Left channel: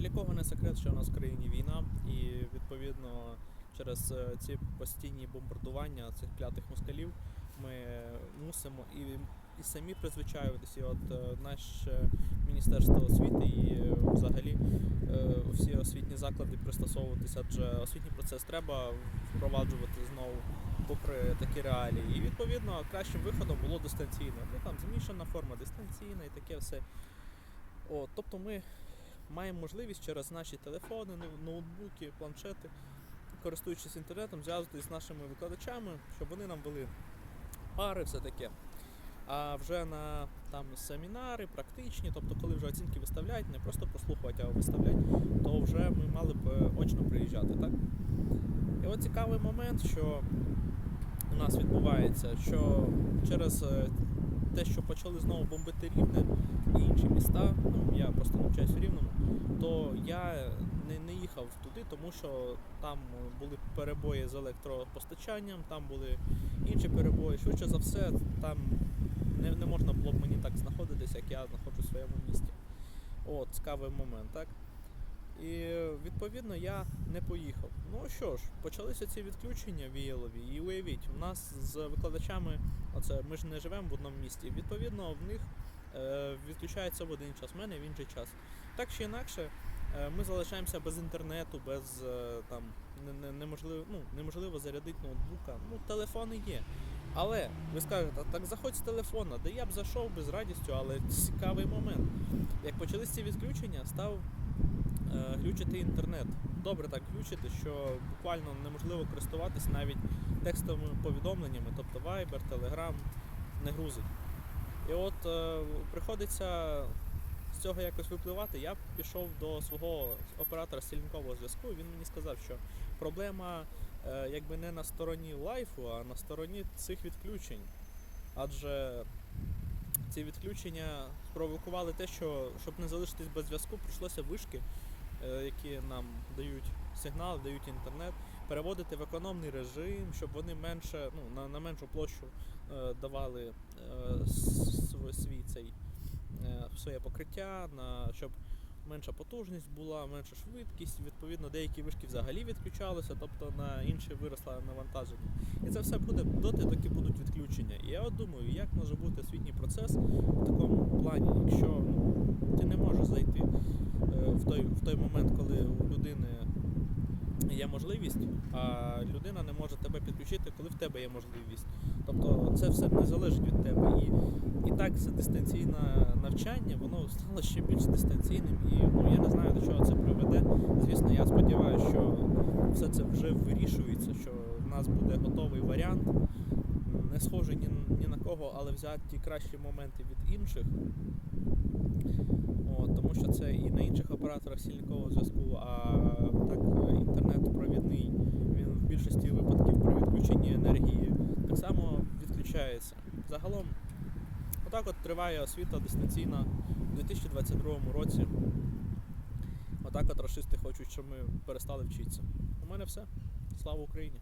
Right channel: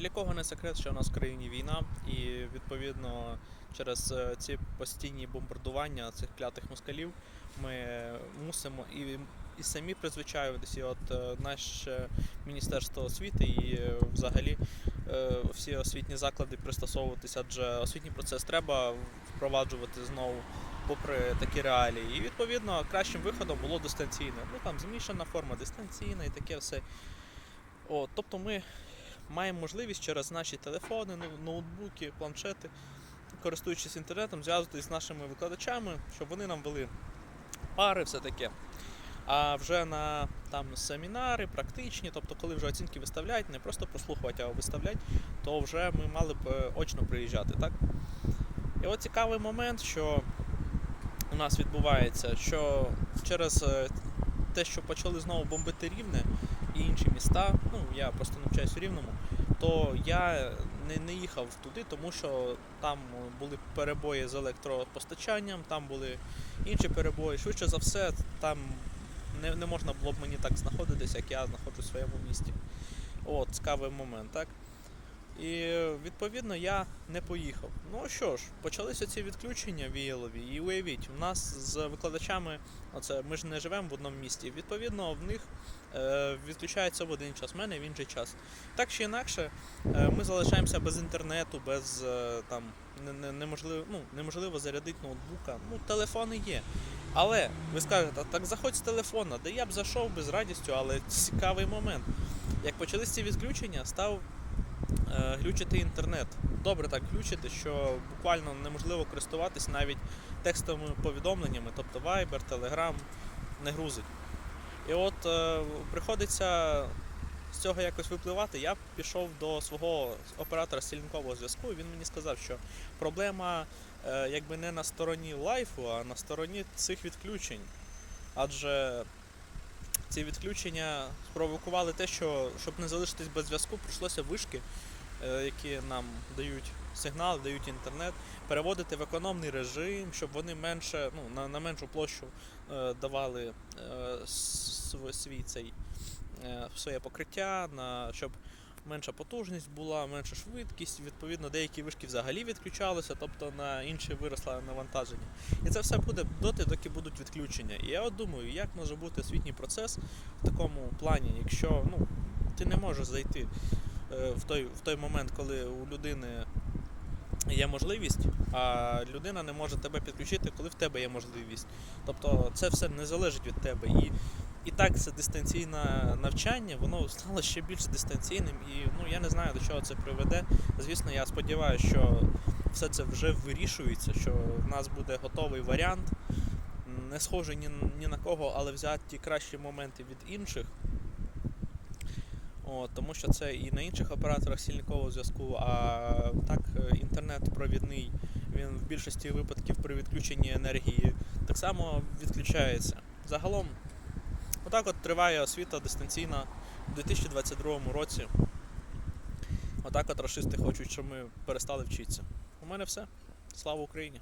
Для кого не секрет, що у нас в країні війна, і відповідно через е, ці постійні бомбардування цих клятих москалів ми мусимо і, і самі призвичаюватися. От е, наше Міністерство освіти і е, взагалі всі освітні заклади пристосовуватися, адже освітній процес треба впроваджувати знову. Попри такі реалії, і відповідно кращим виходом було дистанційне. Ну там змішана форма дистанційна і таке все. О, тобто ми маємо можливість через наші телефони, ну- ноутбуки, планшети, користуючись інтернетом, зв'язуватися з нашими викладачами, щоб вони нам вели пари, все таке. А вже на там семінари, практичні, тобто, коли вже оцінки виставляють, не просто прослухувати, а виставляти, то вже ми мали б е, очно приїжджати, так? І от цікавий момент, що у нас відбувається, що через е, те, що почали знову бомбити рівне і інші міста, ну я просто навчаюсь у рівному, то я не, не їхав туди, тому що там були перебої з електропостачанням, там були інші перебої. Швидше за все, там не, не можна було б мені так знаходитися, як я знаходжусь в своєму місті. От, цікавий момент, так? І відповідно я не поїхав. Ну що ж, почалися ці відключення віялові, і уявіть, у нас з викладачами, оце ми ж не живемо в одному місті. Відповідно, в них е, відключається в один час, в мене в інший час. Так чи інакше, е, ми залишаємося без інтернету, без е, там не, не, неможливо, ну, неможливо зарядити ноутбука. Ну, телефони є. Але ви скажете, так заходь з телефона, де я б зайшов би з радістю, але цікавий момент. Як почались ці відключення, став глючити інтернет. Добре так глючити, що буквально неможливо користуватись навіть текстовими повідомленнями, тобто Viber, Telegram не грузить. І от е, приходиться з цього якось випливати. Я пішов до свого оператора стільникового зв'язку, і він мені сказав, що проблема е, якби не на стороні лайфу, а на стороні цих відключень. Адже ці відключення спровокували те, що щоб не залишитись без зв'язку, прийшлося вишки, е, які нам дають сигнал, дають інтернет, переводити в економний режим, щоб вони менше, ну, на, на меншу площу е, давали е, свій цей е, своє покриття, на, щоб менша потужність була, менша швидкість. Відповідно, деякі вишки взагалі відключалися, тобто на інші виросло навантаження. І це все буде доти, доки будуть відключення. І я от думаю, як може бути освітній процес в такому плані, якщо ну, ти не можеш зайти е, в той, в той момент, коли у людини є можливість, а людина не може тебе підключити, коли в тебе є можливість. Тобто це все не залежить від тебе. І, і так це дистанційне навчання, воно стало ще більш дистанційним. І ну, я не знаю, до чого це приведе. Звісно, я сподіваюся, що все це вже вирішується, що в нас буде готовий варіант, не схожий ні, ні на кого, але взяти ті кращі моменти від інших. От, тому що це і на інших операторах стільникового зв'язку, а так е, інтернет провідний, він в більшості випадків при відключенні енергії так само відключається. Загалом, отак от триває освіта дистанційна у 2022 році. Отак от расисти хочуть, щоб ми перестали вчитися. У мене все. Слава Україні!